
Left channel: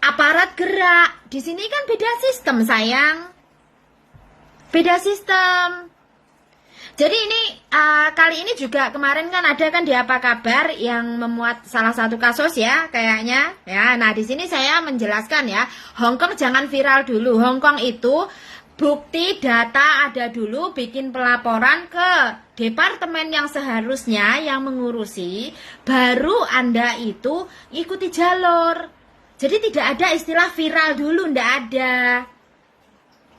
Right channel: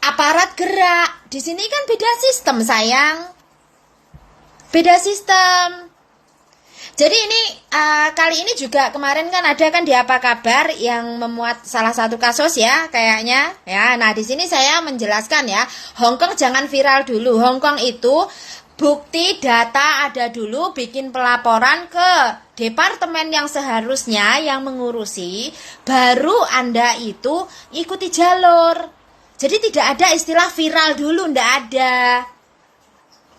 aparat gerak. Di sini kan beda sistem sayang. Beda sistem. Jadi ini kali ini juga kemarin kan ada kan di Apa Kabar yang memuat salah satu kasus ya kayaknya ya. Nah di sini saya menjelaskan ya, Hongkong jangan viral dulu. Hongkong itu bukti data ada dulu, bikin pelaporan ke departemen yang seharusnya yang mengurusi, baru Anda itu ikuti jalur. Jadi tidak ada istilah viral dulu, ndak ada.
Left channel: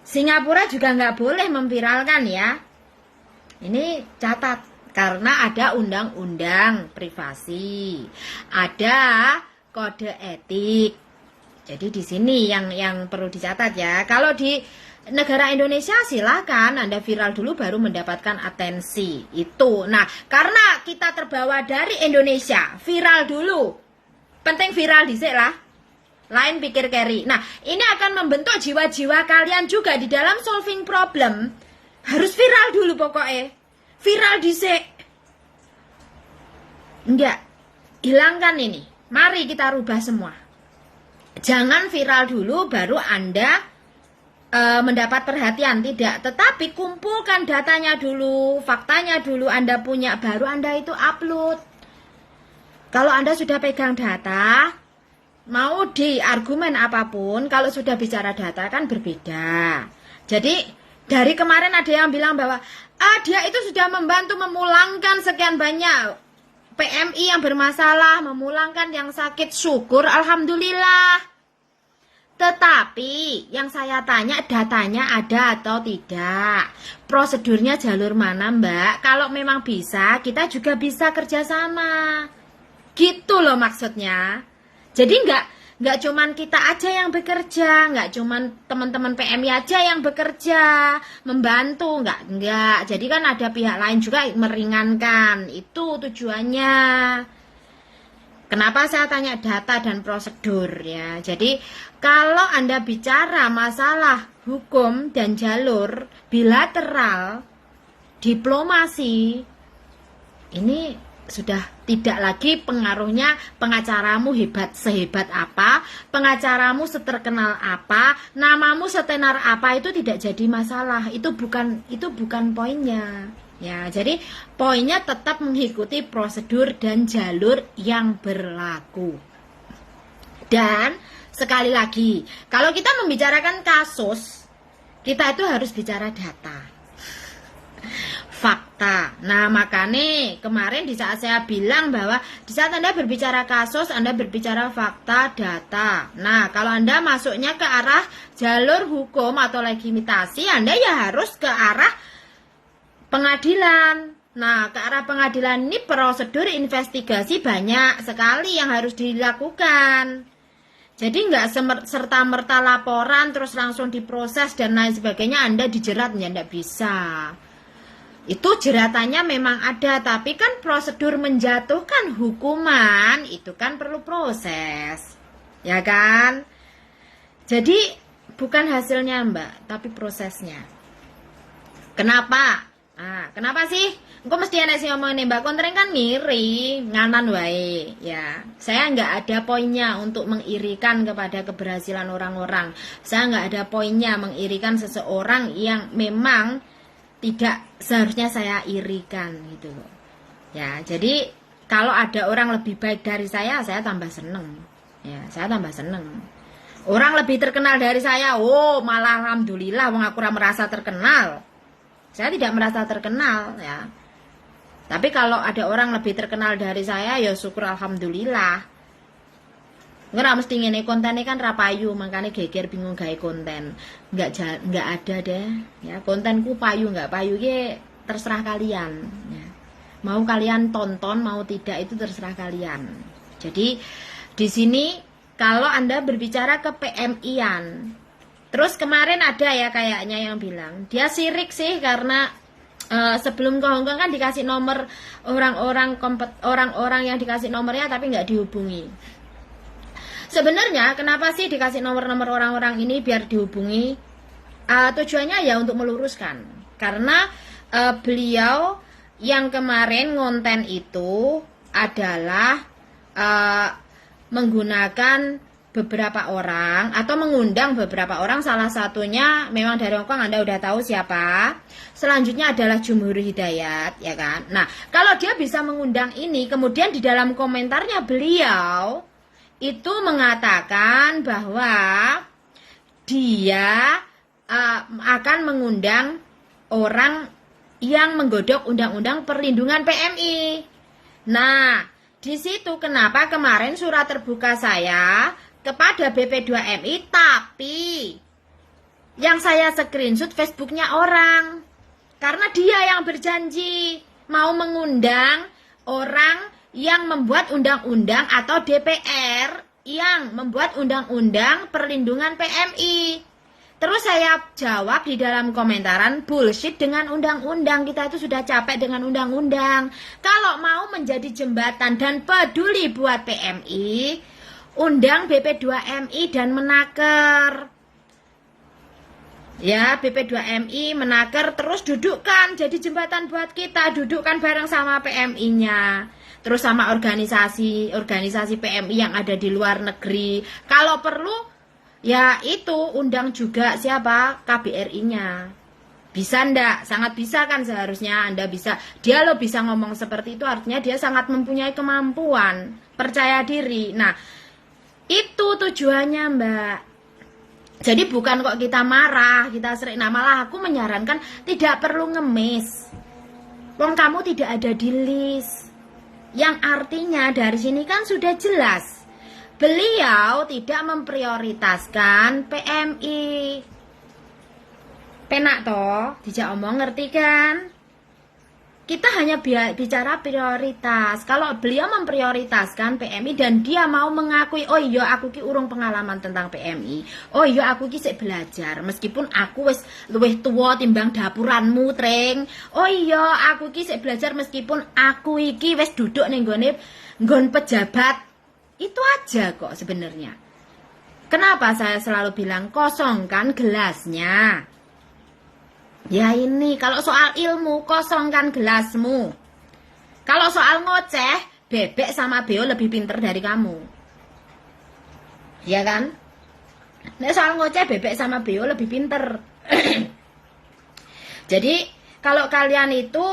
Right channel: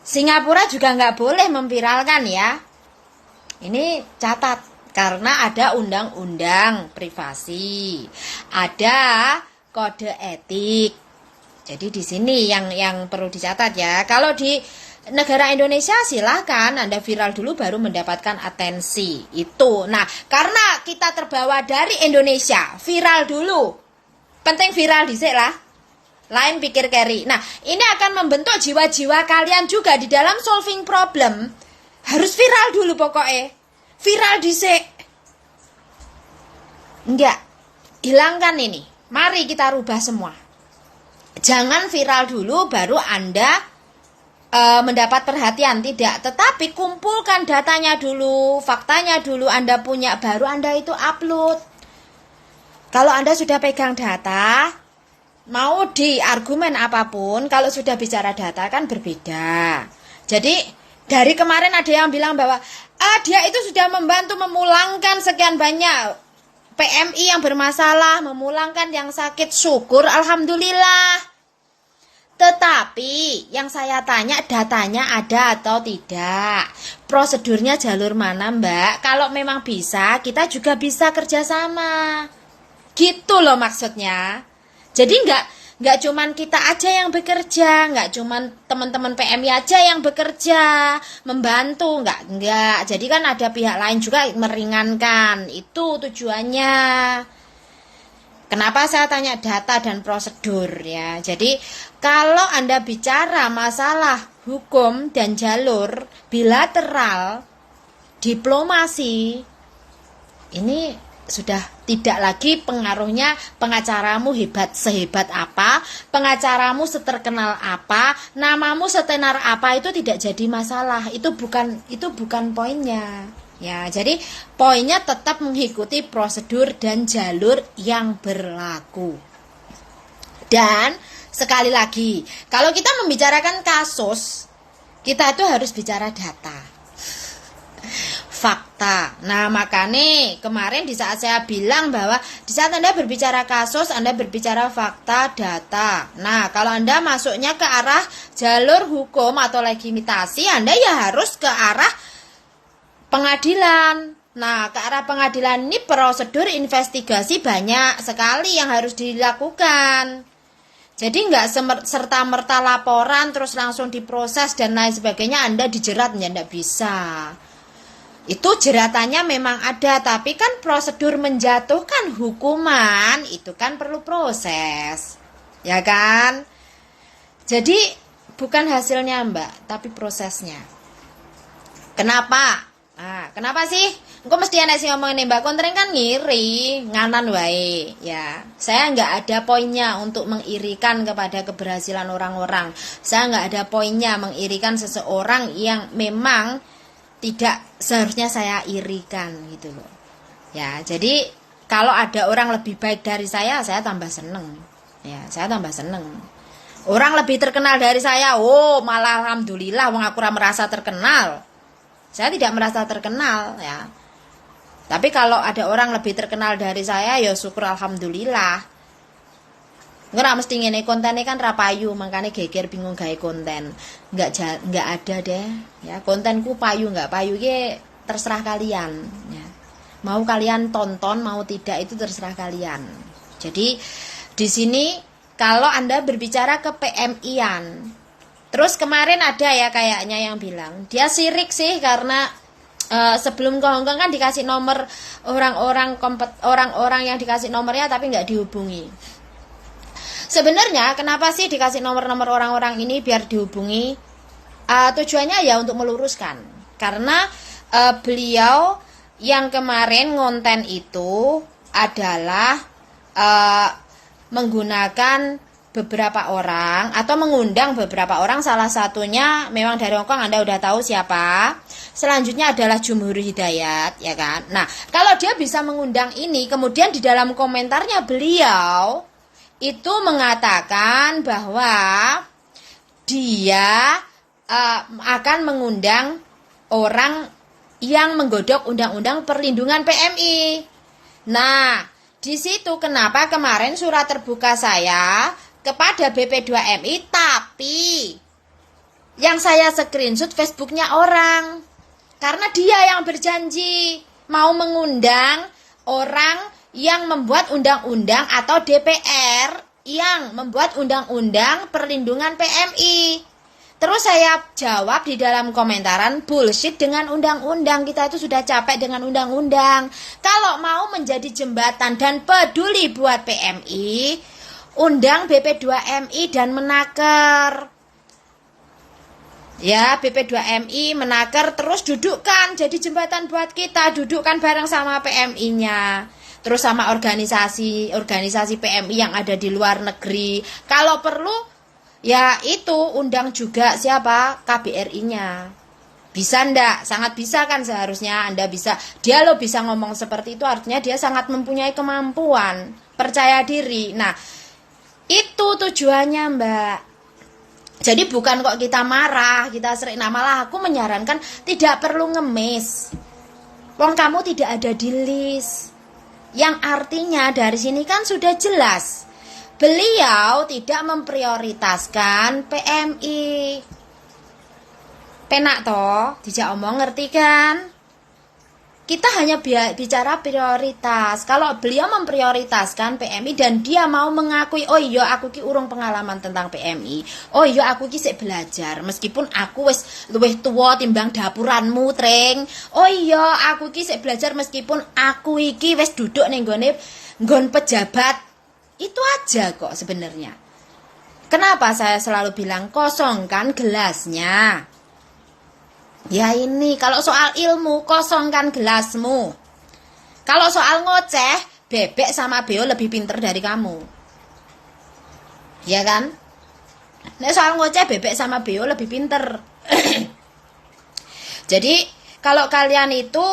Singapura juga nggak boleh memviralkan ya. Ini catat karena ada undang-undang privasi, ada kode etik. Jadi di sini yang perlu dicatat ya. Kalau di negara Indonesia silakan Anda viral dulu baru mendapatkan atensi. Itu. Nah, karena kita terbawa dari Indonesia, viral dulu. Penting viral dhisik lah. Lain pikir carry. Nah, ini akan membentuk jiwa-jiwa kalian juga di dalam solving problem. Harus viral dulu pokoknya. Viral dhisik. Enggak. Hilangkan ini. Mari kita rubah semua. Jangan viral dulu baru Anda mendapat perhatian. Tidak. Tetapi kumpulkan datanya dulu. Faktanya dulu Anda punya. Baru Anda itu upload. Kalau Anda sudah pegang data, mau di argumen apapun, kalau sudah bicara data kan berbeda. Jadi dari kemarin ada yang bilang bahwa dia itu sudah membantu memulangkan sekian banyak PMI yang bermasalah, memulangkan yang sakit, syukur, alhamdulillah. Tetapi yang saya tanya datanya ada atau tidak, prosedurnya jalur mana Mbak? Kalau memang bisa, kita juga bisa kerjasama. Gitu loh maksudnya. Jadi nggak cuman kita aja yang bekerja, nggak cuman teman-teman PMI aja yang bekerja membantu, nggak. Jadi kan ada pihak lain juga meringankan. Itu tujuannya. Kenapa saya tanya data dan prosedur ya? Jadi kalau Anda bicara masalah hukum dan jalur bilateral, diplomasi, ini sudah tidak lagi pengaruhnya pengacaramu hebat sehebat apa, pengacaramu seterkenal apa, namamu setenar apa, itu tidak jadi masalah. Itu bukan poinnya. Ya, jadi poinnya tetap mengikuti prosedur dan jalur yang berlaku. Dan sekali lagi, kalau kita membicarakan kasus, kita itu harus bicara data. Fakta. Nah, makanya kemarin di saat saya bilang bahwa di saat Anda berbicara kasus, Anda berbicara fakta, data. Nah, kalau Anda masuknya ke arah jalur hukum atau legitimasi, Anda ya harus ke arah pengadilan. Nah, ke arah pengadilan ini prosedur investigasi banyak sekali yang harus dilakukan. Jadi nggak serta-merta laporan terus langsung diproses dan lain sebagainya Anda dijerat, ya nggak bisa. Itu jeratannya memang ada, tapi kan prosedur menjatuhkan hukuman itu kan perlu proses, ya kan? Jadi bukan hasilnya Mbak, tapi prosesnya. Kenapa? Nah, kenapa sih? Engko mesti ana sing ngomong Mbak Kontring kan ngiri, nganan wae, ya. Saya nggak ada poinnya untuk mengirikan kepada keberhasilan orang-orang. Saya nggak ada poinnya mengirikan seseorang yang memang tidak seharusnya saya irikan gitu loh. Ya, jadi kalau ada orang lebih baik dari saya tambah seneng. Ya, saya tambah seneng. Orang lebih terkenal dari saya, oh malah alhamdulillah, wong aku merasa terkenal. Saya tidak merasa terkenal ya. Tapi kalau ada orang lebih terkenal dari saya, ya syukur alhamdulillah. Nggak mesti ngene kontennya kan rapayu, makanya geger bingung gawe konten. Nggak ada deh ya, kontenku payu nggak payu ya terserah kalian ya. Mau kalian tonton mau tidak itu terserah kalian. Jadi di sini kalau Anda berbicara ke PMI-an, terus kemarin ada ya kayaknya yang bilang dia sirik sih karena sebelum ke Hongkong kan dikasih nomor orang-orang yang dikasih nomornya tapi nggak dihubungi. Sebenarnya kenapa sih dikasih nomor-nomor orang-orang ini biar dihubungi? Tujuannya ya untuk meluruskan. Karena beliau yang kemarin ngonten itu adalah menggunakan beberapa orang atau mengundang beberapa orang, salah satunya memang dari Hongkong, Anda udah tahu siapa. Selanjutnya adalah Jumhur Hidayat, ya kan. Nah, kalau dia bisa mengundang ini, kemudian di dalam komentarnya beliau itu mengatakan bahwa dia akan mengundang orang yang menggodok undang-undang perlindungan PMI. Nah, di situ kenapa kemarin surat terbuka saya kepada BP2MI, tapi yang saya screenshot Facebooknya orang, karena dia yang berjanji mau mengundang orang yang membuat undang-undang atau DPR yang membuat undang-undang perlindungan PMI. Terus saya jawab di dalam komentaran, bullshit dengan undang-undang, kita itu sudah capek dengan undang-undang. Kalau mau menjadi jembatan dan peduli buat PMI, undang BP2MI dan Menaker. Ya, BP2MI, Menaker, terus dudukkan jadi jembatan buat kita, dudukkan bareng sama PMI-nya. Terus sama organisasi PMI yang ada di luar negeri. Kalau perlu, ya itu undang juga siapa? KBRI-nya. Bisa ndak? Sangat bisa kan seharusnya Anda bisa. Dia lo bisa ngomong seperti itu, artinya dia sangat mempunyai kemampuan, percaya diri. Nah, itu tujuannya, Mbak. Jadi bukan kok kita marah, kita sering, nah malah aku menyarankan tidak perlu ngemis. Wong kamu tidak ada di list. Yang artinya dari sini kan sudah jelas. Beliau tidak memprioritaskan PMI. Penak toh, dijak omong, ngerti kan? Kita hanya bicara prioritas. Kalau beliau memprioritaskan PMI dan dia mau mengakui, oh iya aku ki urung pengalaman tentang PMI. Oh iya aku ki sik belajar, meskipun aku wis luwih tua timbang dapuranmu, Treng. Oh iya aku ki sik belajar meskipun aku iki wis duduk ning nggon pejabat. Itu aja kok sebenarnya. Kenapa saya selalu bilang kosongkan gelasnya? Ya ini, kalau soal ilmu, kosongkan gelasmu. Kalau soal ngoceh, Bebek sama Beo lebih pinter dari kamu. Ya kan? Nah, soal ngoceh, Bebek sama Beo lebih pinter. Jadi, kalau kalian itu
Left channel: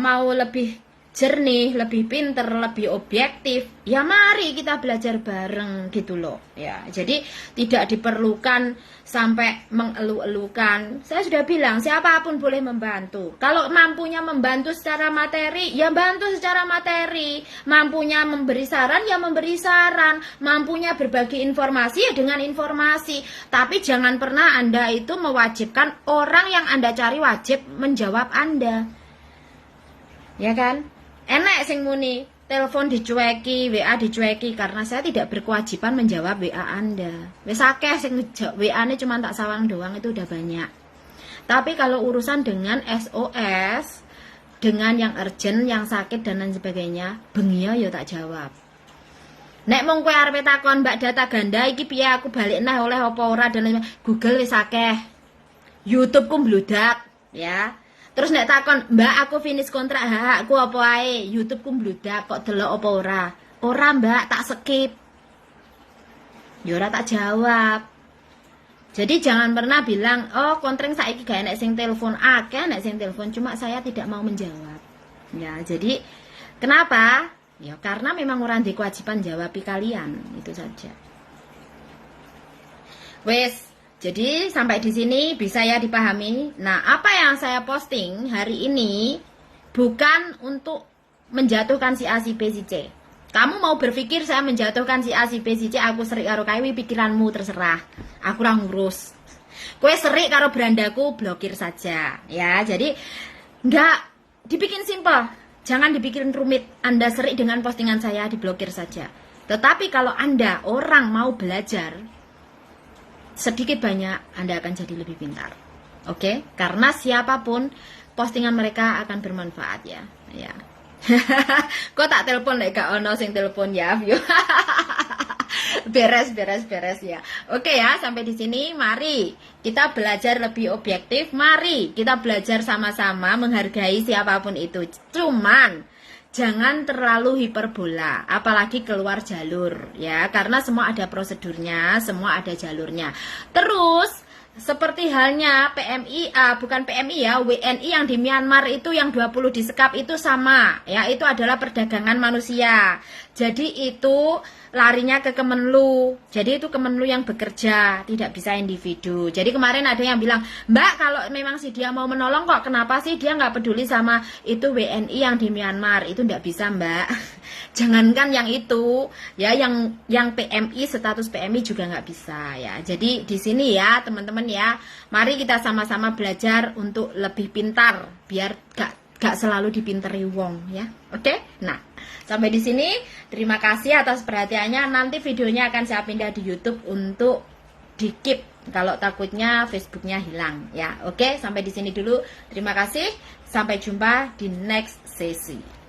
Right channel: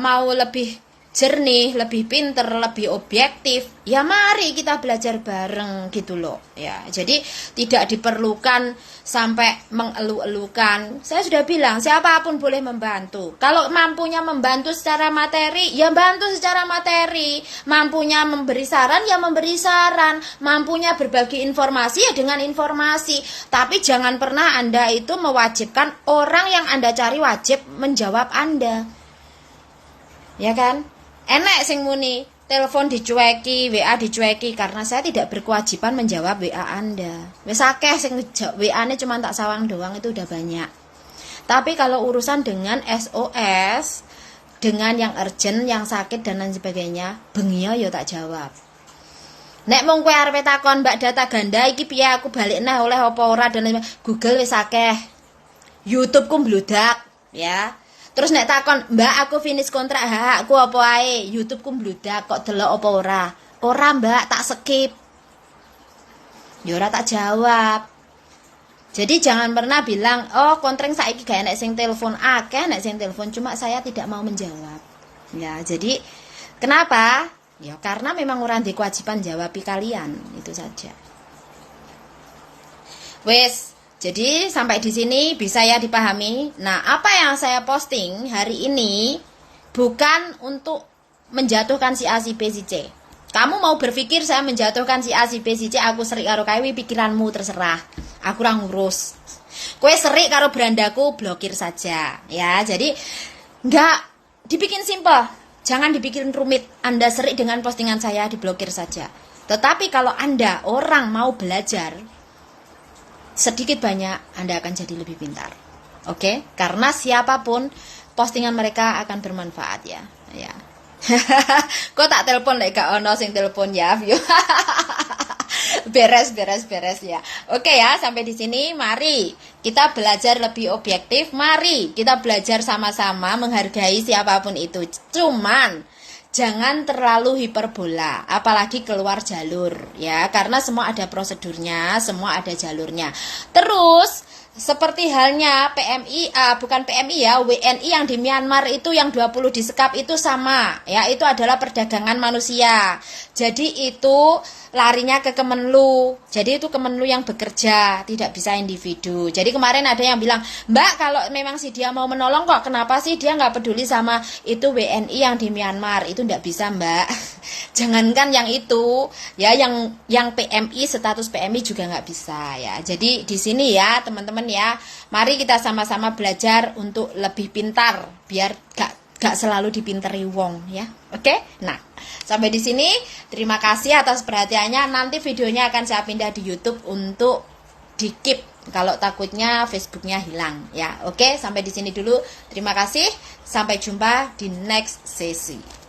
mau lebih jernih, lebih pinter, lebih objektif, ya mari kita belajar bareng gitu loh. Ya, jadi tidak diperlukan sampai mengeluh-elukan. Saya sudah bilang siapapun boleh membantu. Kalau mampunya membantu secara materi, ya bantu secara materi. Mampunya memberi saran, ya memberi saran. Mampunya berbagi informasi, ya dengan informasi. Tapi jangan pernah Anda itu mewajibkan orang yang Anda cari wajib menjawab Anda. Ya kan? Enak sing muni telepon dicueki, WA dicueki, karena saya tidak berkewajiban menjawab WA Anda. Wis akeh sing WA-ne cuma tak sawang doang, itu udah banyak. Tapi kalau urusan dengan SOS, dengan yang urgent, yang sakit dan lain sebagainya, bengi ya tak jawab. Nek mung kowe arep takon Mbak data ganda iki piye aku balik nah oleh apa ora dan lain, Google wis akeh. YouTube ku mbludak, ya. Terus nek takon, Mbak aku finish kontrak hakku apa ae? YouTube ku mbludak kok delok apa ora? Ora, Mbak, tak skip. Ya ora tak jawab. Jadi jangan pernah bilang, "Oh, kontreng saiki gak enek sing telepon." Akeh nek sing telepon, cuma saya tidak mau menjawab. Ya, jadi kenapa? Ya karena memang orang di kewajiban jawabi kalian, itu saja. Wes. Jadi sampai di sini bisa ya dipahami. Nah, apa yang saya posting hari ini bukan untuk menjatuhkan si A, si B, si C. Kamu mau berpikir saya menjatuhkan si A, si B, si C, aku serik karo kae, pikiranmu terserah. Aku ora ngurus. Kowe serik karo berandaku, blokir saja. Ya, jadi enggak dibikin simple. Jangan dibikin rumit. Anda serik dengan postingan saya, diblokir saja. Tetapi kalau Anda orang mau belajar, sedikit banyak Anda akan jadi lebih pintar. Oke? Karena siapapun postingan mereka akan bermanfaat ya. Ya. Kok tak telepon lek gak ono sing telepon ya, view. beres ya. Oke ya, sampai di sini mari kita belajar lebih objektif. Mari kita belajar sama-sama menghargai siapapun itu. Cuman jangan terlalu hiperbola, apalagi keluar jalur ya, karena semua ada prosedurnya, semua ada jalurnya. Terus seperti halnya PMI, bukan PMI ya, WNI yang di Myanmar itu yang 20 disekap itu sama ya, itu adalah perdagangan manusia. Jadi itu larinya ke Kemenlu. Jadi itu Kemenlu yang bekerja, tidak bisa individu. Jadi kemarin ada yang bilang, Mbak kalau memang si dia mau menolong kok, kenapa sih dia nggak peduli sama itu WNI yang di Myanmar? Itu nggak bisa Mbak. Jangankan yang itu, ya yang PMI, status PMI juga nggak bisa ya. Jadi di sini ya teman-teman ya, mari kita sama-sama belajar untuk lebih pintar, biar gak selalu dipinteri wong ya. Oke? Nah, sampai di sini terima kasih atas perhatiannya. Nanti videonya akan saya pindah di YouTube untuk di-keep kalau takutnya Facebooknya hilang ya. Oke, sampai di sini dulu. Terima kasih. Sampai jumpa di next sesi.